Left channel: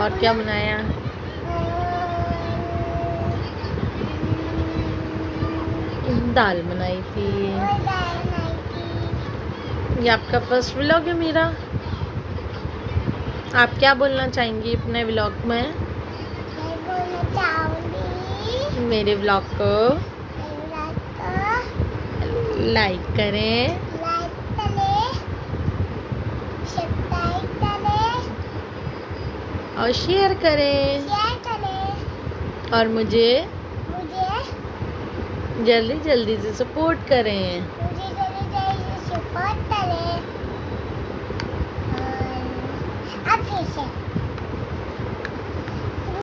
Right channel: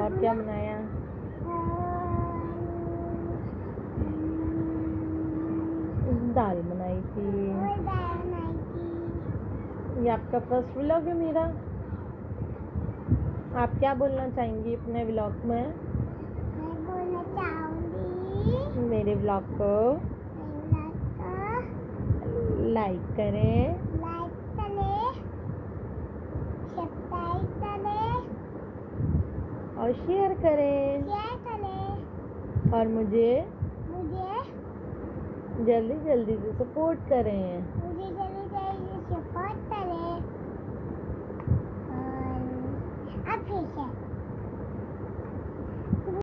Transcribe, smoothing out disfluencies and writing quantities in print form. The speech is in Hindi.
और क्या बनाया? दाल बनाई थी। ये आपका फर्स्ट व्लॉग है मेरा। आप क्या बोलना चाहेंगी अपने व्लॉग में? मैं बोलना चाहूंगी मेरे व्लॉग को लाइक करें, सब्सक्राइब करें और शेयर करें, और मुझे जल्दी जल्दी से सपोर्ट करें। सपोर्ट करें। और अब फिर से